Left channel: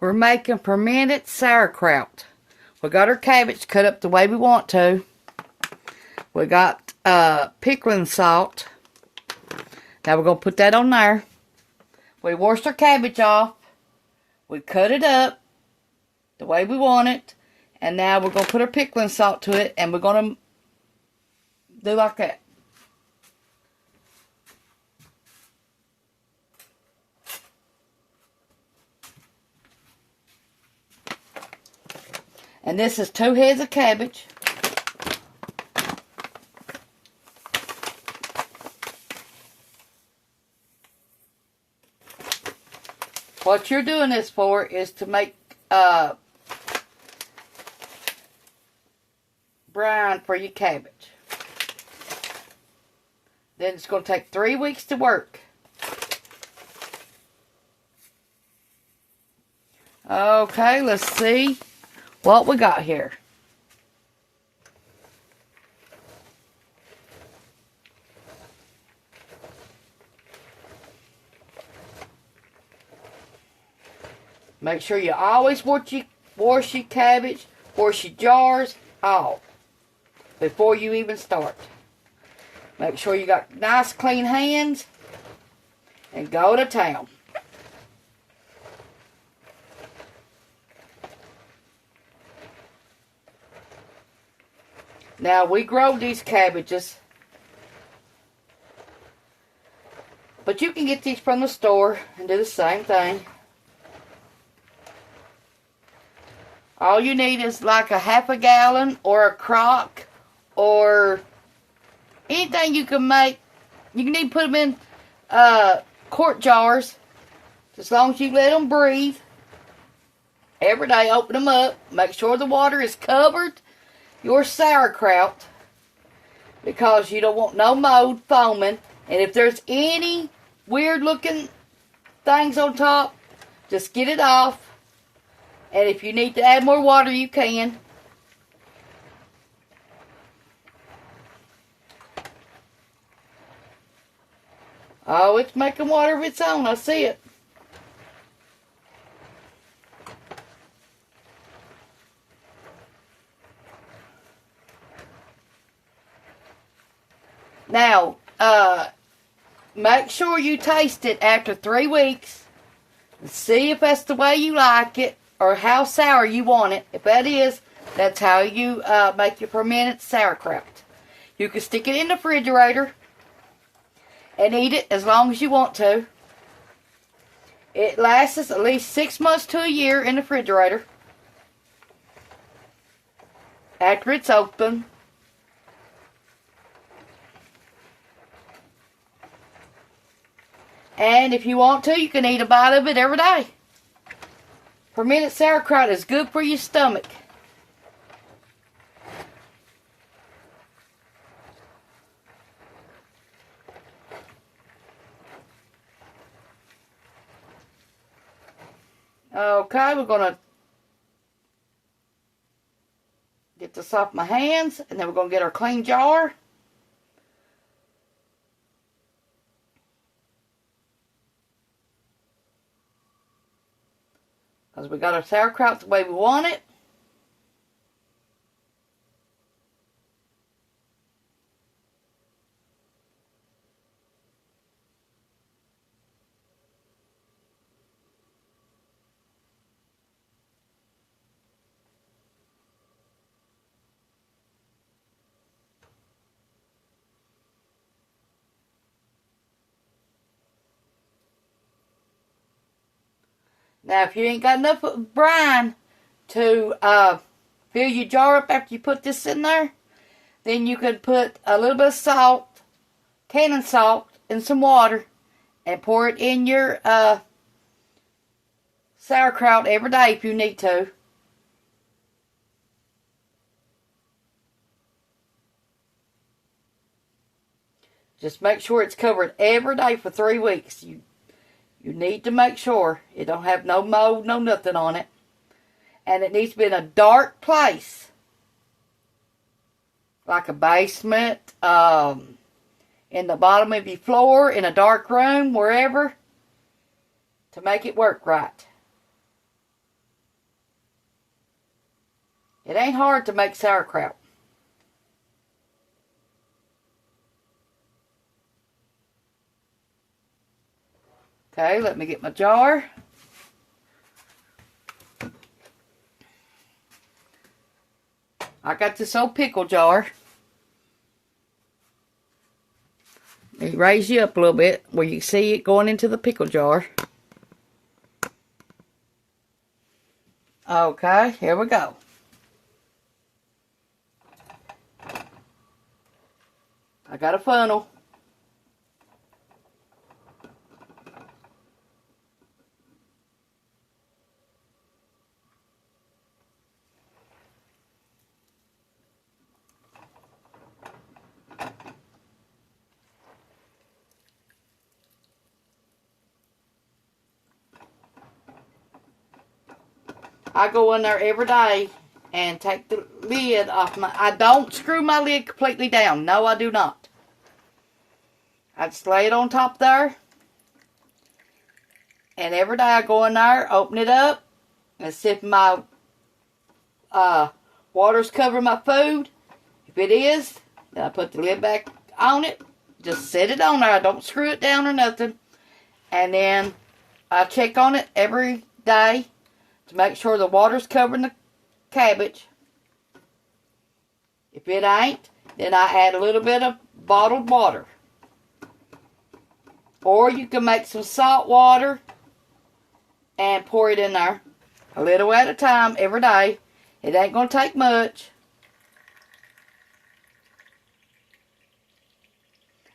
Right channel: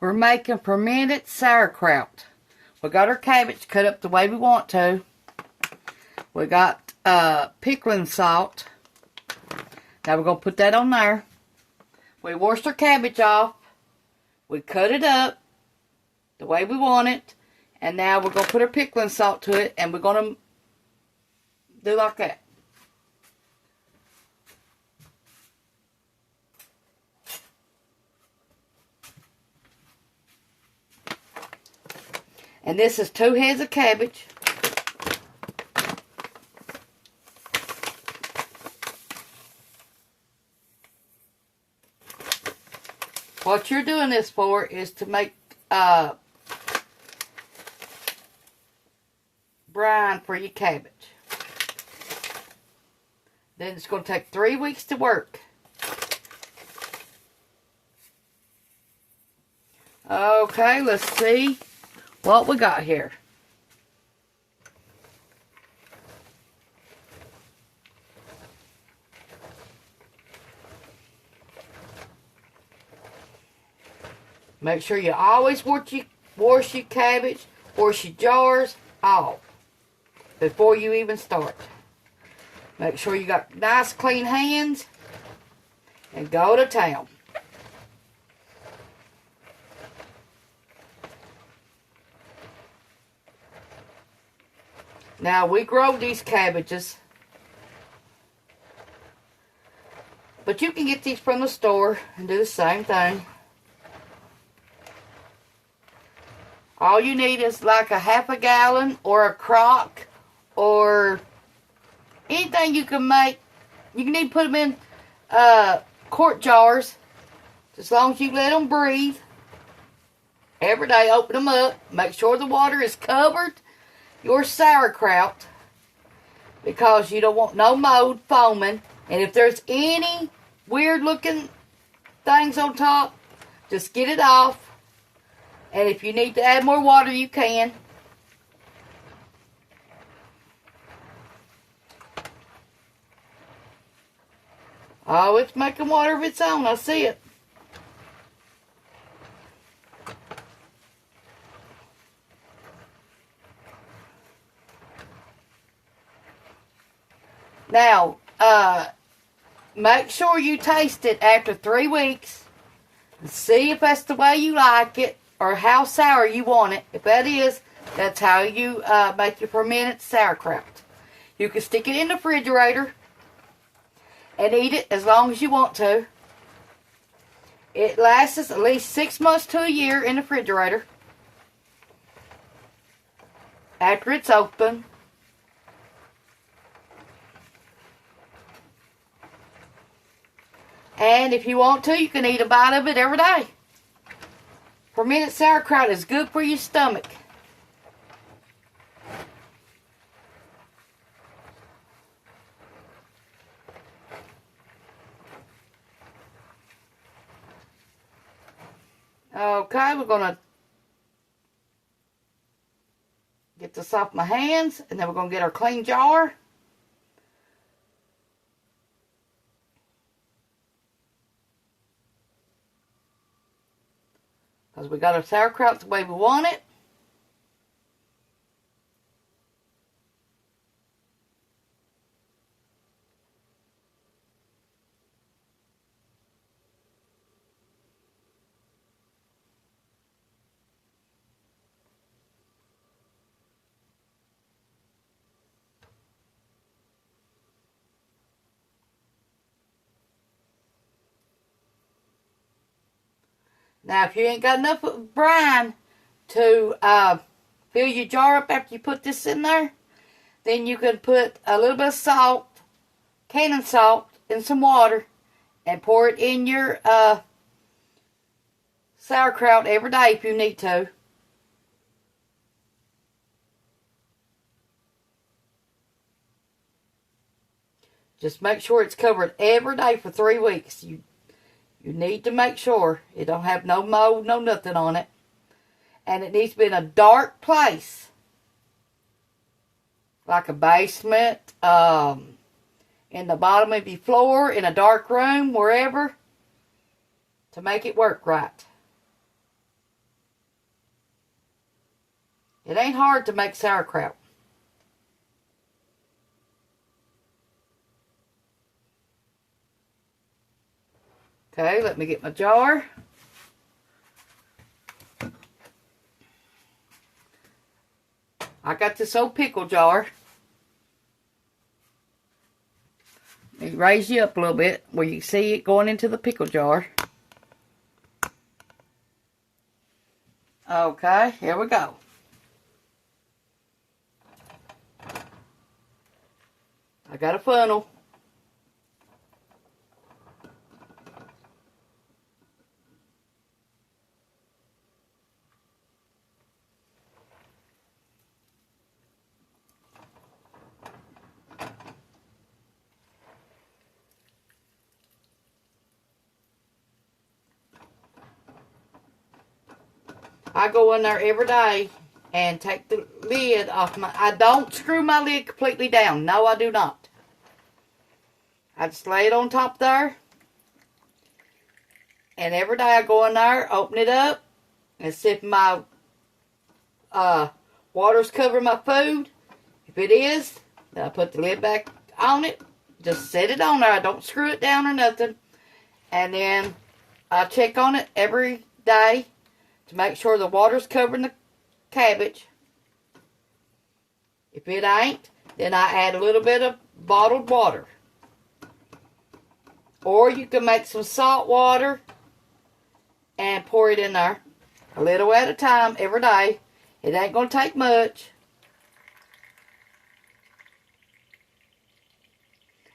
We're making fermented sauerkraut. We got our cabbage cut up the way we want to. We got pickling salt. Now we're going to put that on there. We washed our cabbage off. We cut it up the way we want it. And now we're going to put our pickling salt to it. And we're going to do like that. And this is 2 heads of cabbage. What you're doing this for is to make brine for your cabbage. Then it's going to take 3 weeks to work. Okay, let's see what we got here. Make sure you always wash your cabbage, wash your jars off before you even start. Make sure you got nice clean hands and go to town. Now, we grow these cabbages, but you can get these from the store and do the same thing. All you need is like a half a gallon or a crock or anything you can make. You can even put them in quart jars, as long as you let them breathe. Every day, open them up. Make sure the water is covered your sauerkraut, because you don't want no mold foaming. And if there's any weird looking things on top, just get it off. And if you need to add more water, you can. Oh, it's making water of its own. I see it. Now, make sure you taste it after 3 weeks. And see if that's the way you like it, or how sour you want it. If that is, that's how you make your fermented sauerkraut. You can stick it in the refrigerator and eat it as long as you want to. It lasts at least 6 months to a year in the refrigerator after it's open. And if you want to, you can eat a bite of it every day. Fermented sauerkraut is good for your stomach. Okay, we're going to get this off my hands, and then we're going to get our clean jar. Because we got our sauerkraut the way we want it. Now, if you ain't got enough brine to fill your jar up after you put this in there, then you could put a little bit of salt, cannon salt, in some water, and pour it in your sauerkraut every day if you need to. Just make sure it's covered every day for 3 weeks. You need to make sure it don't have no mold, no nothing on it. And it needs to be in a dark place. Like a basement, in the bottom of your floor, in a dark room, wherever. To make it work right. It ain't hard to make sauerkraut. Okay, let me get my jar. I got this old pickle jar. Let me raise you up a little bit where you can see it going into the pickle jar. Okay, here we go. I got a funnel. I go in there every day and take the lid off my... I don't screw my lid completely down. No, I do not. I just lay it on top there. And every day I go in there, open it up, and see if my water's covering my food. If it is, then I put the lid back on it. Just set it on there. I don't screw it down or nothing. And then I check on it every day to make sure the water's covering the cabbage. If it ain't, then I add a little bit of bottled water. Or you can make some salt water and pour it in there. A little at a time every day. It ain't going to take much.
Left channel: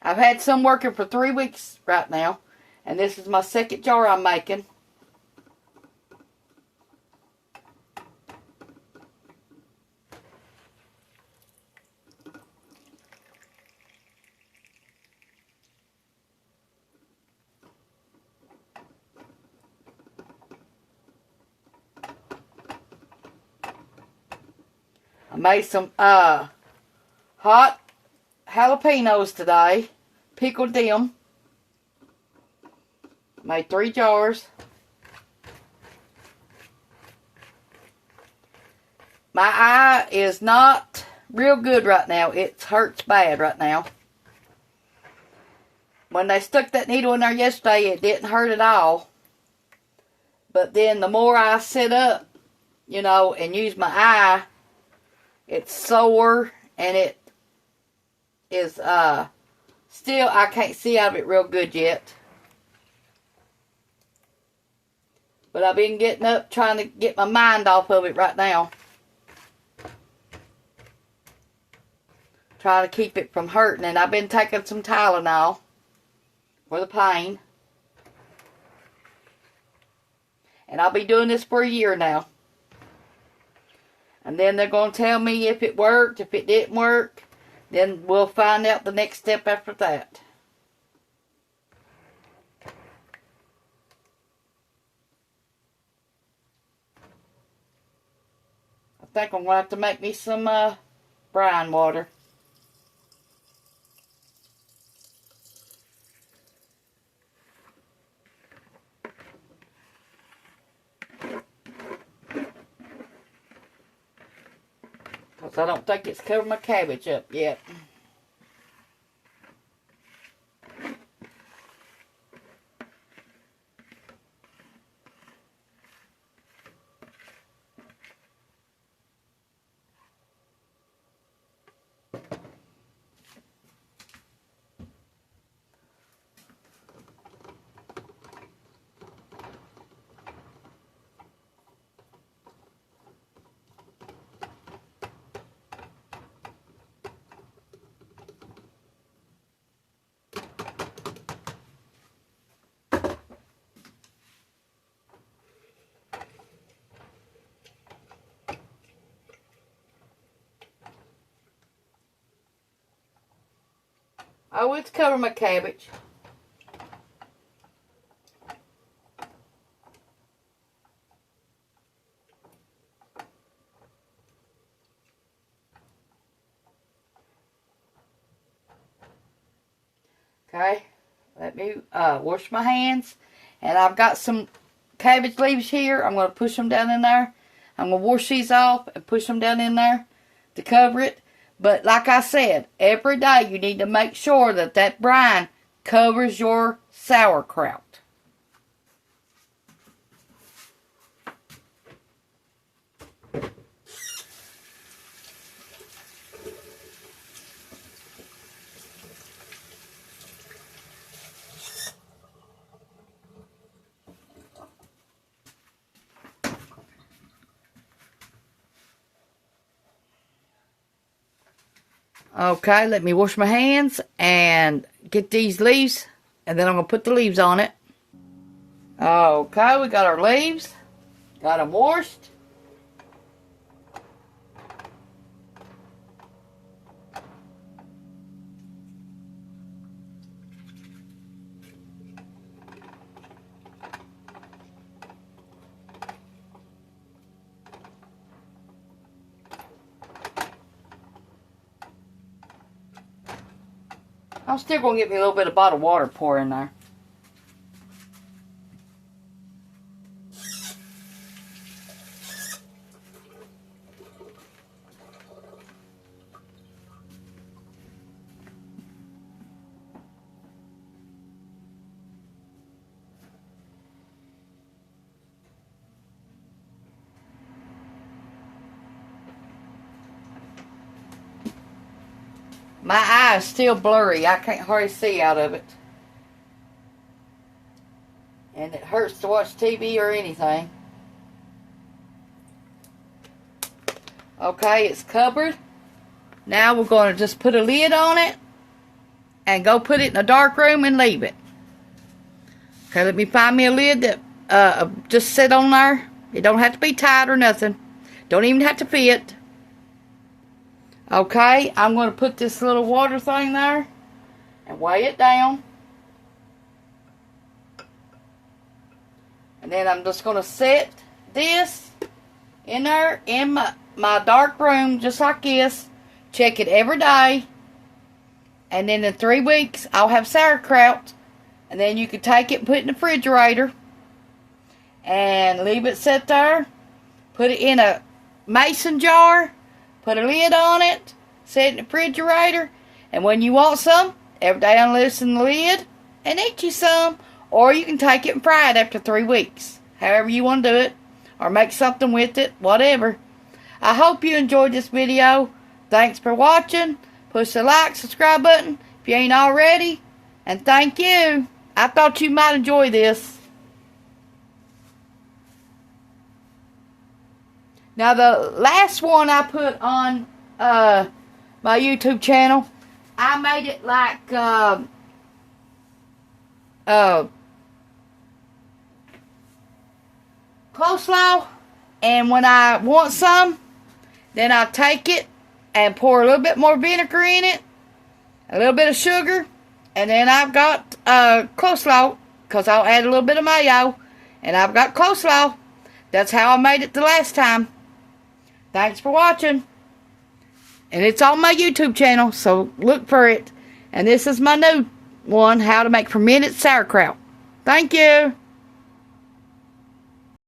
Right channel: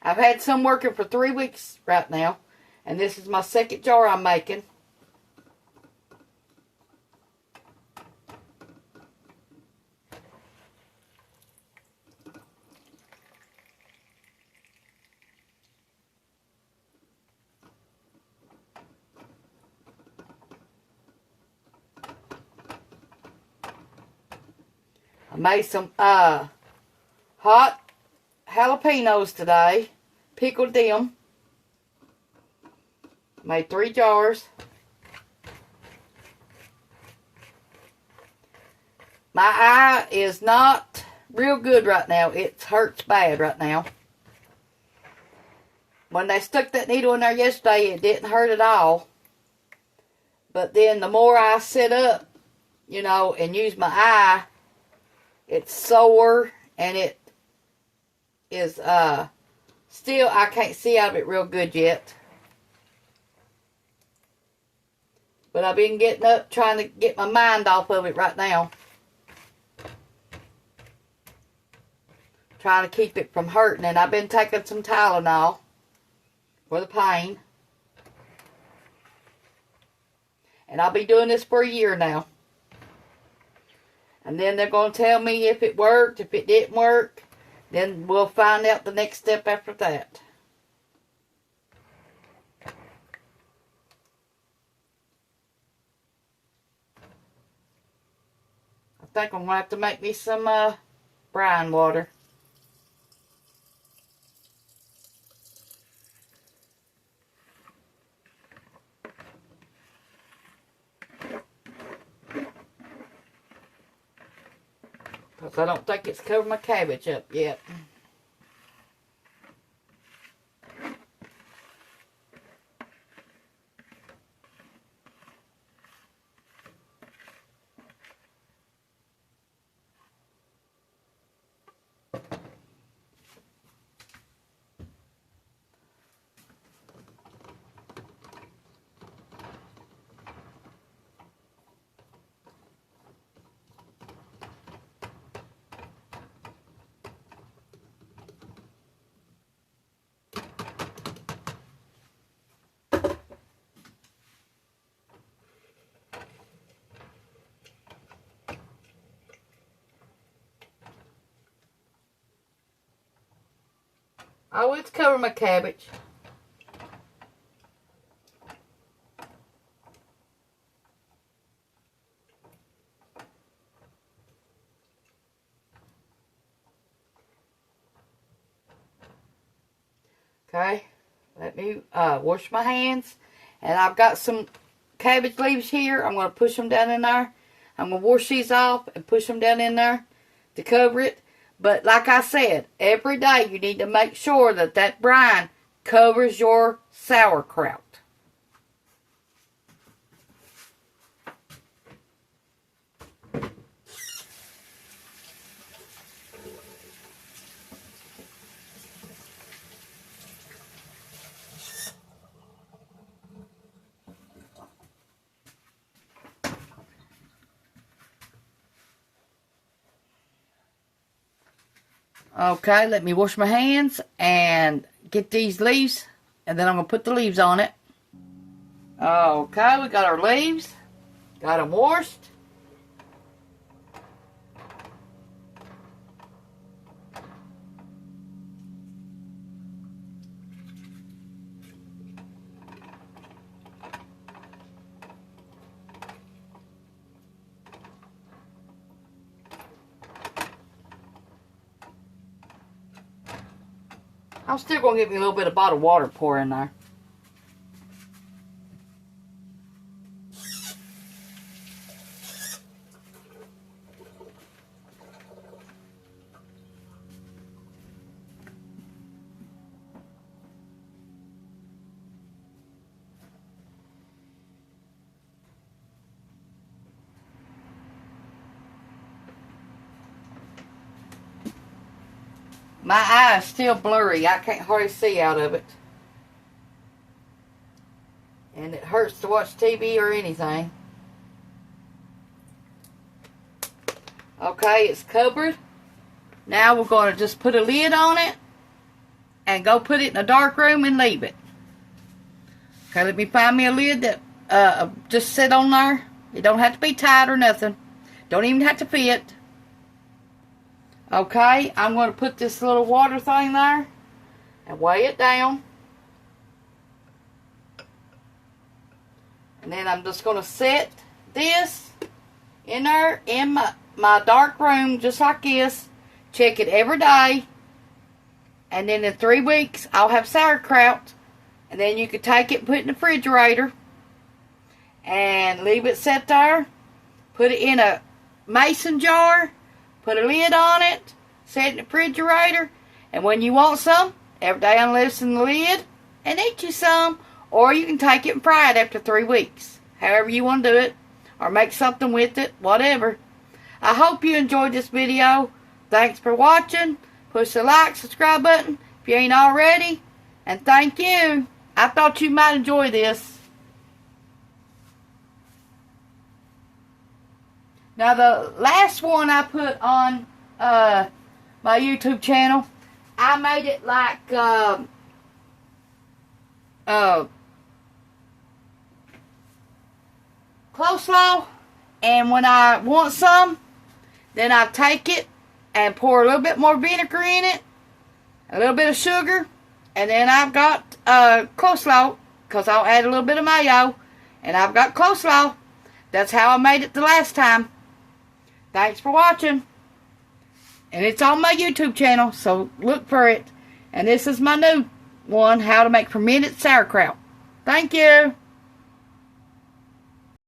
I've had some working for 3 weeks right now. And this is my second jar I'm making. I made some hot jalapenos today. Pickled them. Made 3 jars. My eye is not real good right now. It hurts bad right now. When they stuck that needle in there yesterday, it didn't hurt at all. But then the more I sit up, you know, and use my eye, it's sore, and it is, still, I can't see out of it real good yet. But I've been getting up, trying to get my mind off of it right now. Trying to keep it from hurting, and I've been taking some Tylenol for the pain. And I'll be doing this for a year now. And then they're going to tell me if it worked, if it didn't work. Then we'll find out the next step after that. I think I'm going to have to make me some brine water. Because I don't think it's covered my cabbage up yet. I always cover my cabbage. Okay, let me wash my hands. And I've got some cabbage leaves here. I'm going to push them down in there. I'm going to wash these off and push them down in there to cover it. But like I said, every day you need to make sure that that brine covers your sauerkraut. Okay, let me wash my hands and get these leaves, and then I'm going to put the leaves on it. Okay, we got our leaves. Got them washed. I'm still going to get me a little bit of bottled water pour in there. My eye is still blurry. I can't hardly see out of it. And it hurts to watch TV or anything. Okay, it's covered. Now we're going to just put a lid on it and go put it in a dark room and leave it. Okay, let me find me a lid that just sit on there. It don't have to be tight or nothing. Don't even have to fit. Okay, I'm going to put this little water thing there and weigh it down. And then I'm just going to set this in there in my dark room just like this. Check it every day. And then in 3 weeks, I'll have sauerkraut. And then you can take it and put it in the refrigerator. And leave it set there. Put it in a mason jar. Put a lid on it, set it in the refrigerator, and when you want some, every day unloosen the lid and eat you some. Or you can take it and fry it after 3 weeks. However you want to do it, or make something with it, whatever. I hope you enjoyed this video. Thanks for watching. Push the like, subscribe button if you ain't already. And thank you. I thought you might enjoy this. Now, the last one I put on my YouTube channel, I made it like coleslaw. And when I want some, then I take it and pour a little bit more vinegar in it, a little bit of sugar, and then I've got coleslaw, because I'll add a little bit of mayo, and I've got coleslaw. That's how I made it the last time. Thanks for watching. And it's on my YouTube channel, so look for it. And this is my new one, how to make fermented sauerkraut. Thank you.